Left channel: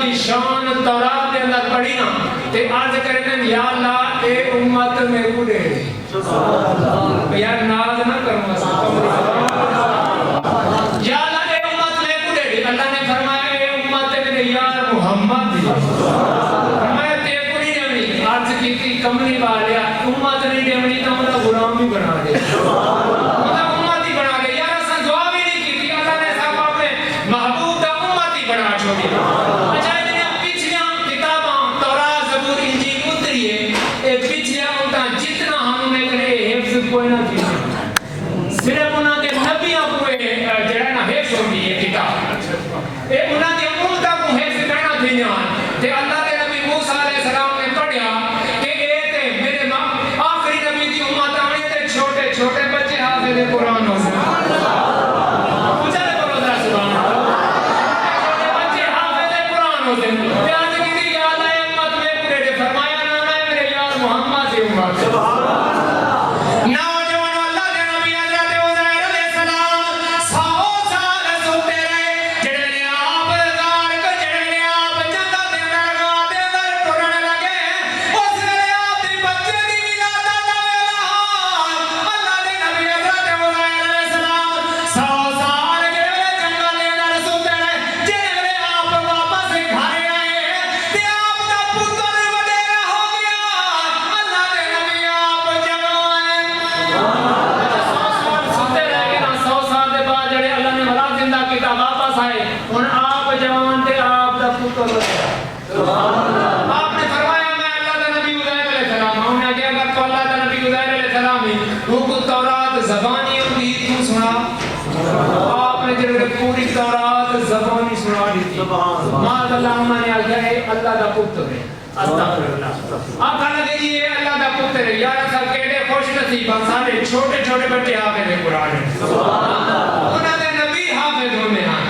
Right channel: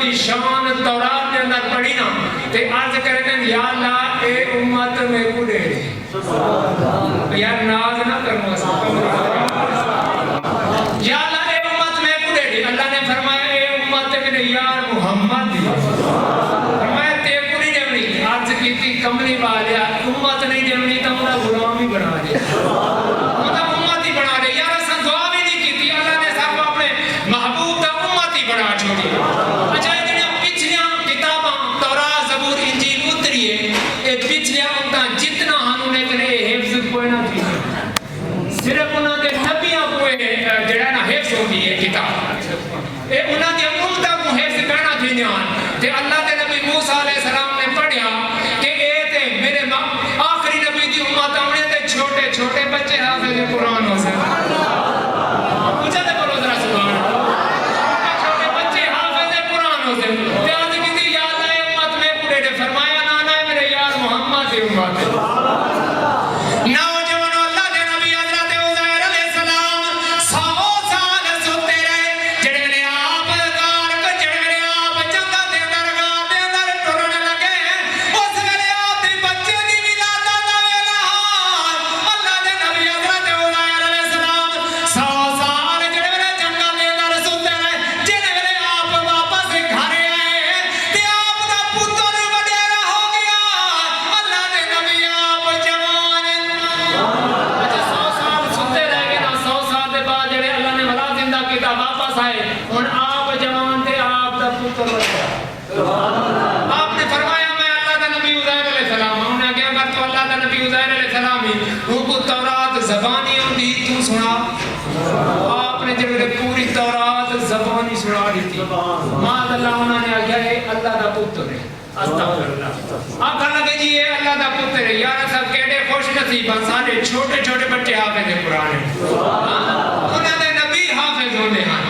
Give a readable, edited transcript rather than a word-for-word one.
دی شان تورات کے اندر پڑھی نا تے عرض کرتے ہیں یا اللہ اے امت میں گڑے یار ناز نہ کروں یا اللہ اے امت میں گڑے اللہ نے فرمایا اے امت میرے یار محمد فرمایا تے کو نہیں جمنی عرض کی تھی کملی والیا امت نہیں جمنی تو انہا غلام بھی بنا دے امت ہی بنا دے یار ایسا دعا بھی نہیں کی تھی اللہ نے صاحب اپنے محبوب دا امت ہی بنا چھوڑی اچھا پچھلیاں کتاباں تورات زبور انجیل اتری ہے اے پچھلیاں انہاں جتنا ہم نے کرے حفظ کوئی نہ تھی صرف انہاں دے نبیاں کوئی جڑا نا حفظ ہوگی ہے کتاب اے انہاں دے امتہ کو حفظ کرنا تھی تے اللہ دے نبی موسیٰ علیہ السلام نے پڑھیا کہ اے تے میرے آخری نبی دی امت آمنے تے چھوٹے چھوٹے بچے حافظ قرآن ہو سے مجھے تے بولو ذرا سبحان اللہ چھوٹے بچے حافظ قرآن ہو سے تے آج کسی یاد آئے امت میں پورے نے فرمایا نانا ہے میرے یار محمد دی امت نوجوانوں اللہ دے نبی حضرت عزیر علیہ السلام 100 سال سوتے رہے جڑے لے آپ غار کو جڑے لے آپ جنگل دے اندر غار دے اندر ٹرنے لگے اس ویلے آپ دی بچے دی ولادت دا ویلا اللہ دے نبی حضرت عزیر علیہ السلام 100 سال جڑے ویلے جنگل دے اندر سوتے رہے جڑے ویلے آپ واپس گھر آئے تے آپ دا پتر وڈیرا ہو گیا اللہ دے نبی آپ جوان اچھا 100 سال سوتے رہ گئے نا 100 سال دے بعد جڑے اللہ نے ملا زندہ کیتا واپس آئے ہن آپ جوان تے آپ دا پتر وڈیرا آپ نے فرمایا میں اللہ دا نبی عزیر علیہ السلام ہوں نے کہا اگر تو اللہ دا نبی عزیر علیہ السلام ہی وہ کو تورات زبانی ہوندی تو سنا آپ نے جب پوری تورات زبانی سنا دی تھی ماذا اللہ انہوں نے آگیا ہے اللہ دا پتر ہے استغفراللہ آپ کہا لگے جی یہ اللہ دا پتر ہے یار سب کہتے خوش نصیب سارے چھوٹے چھوٹے بچے حافظ قرآن ہیں انہوں نے نبی حافظ ہونے ہیں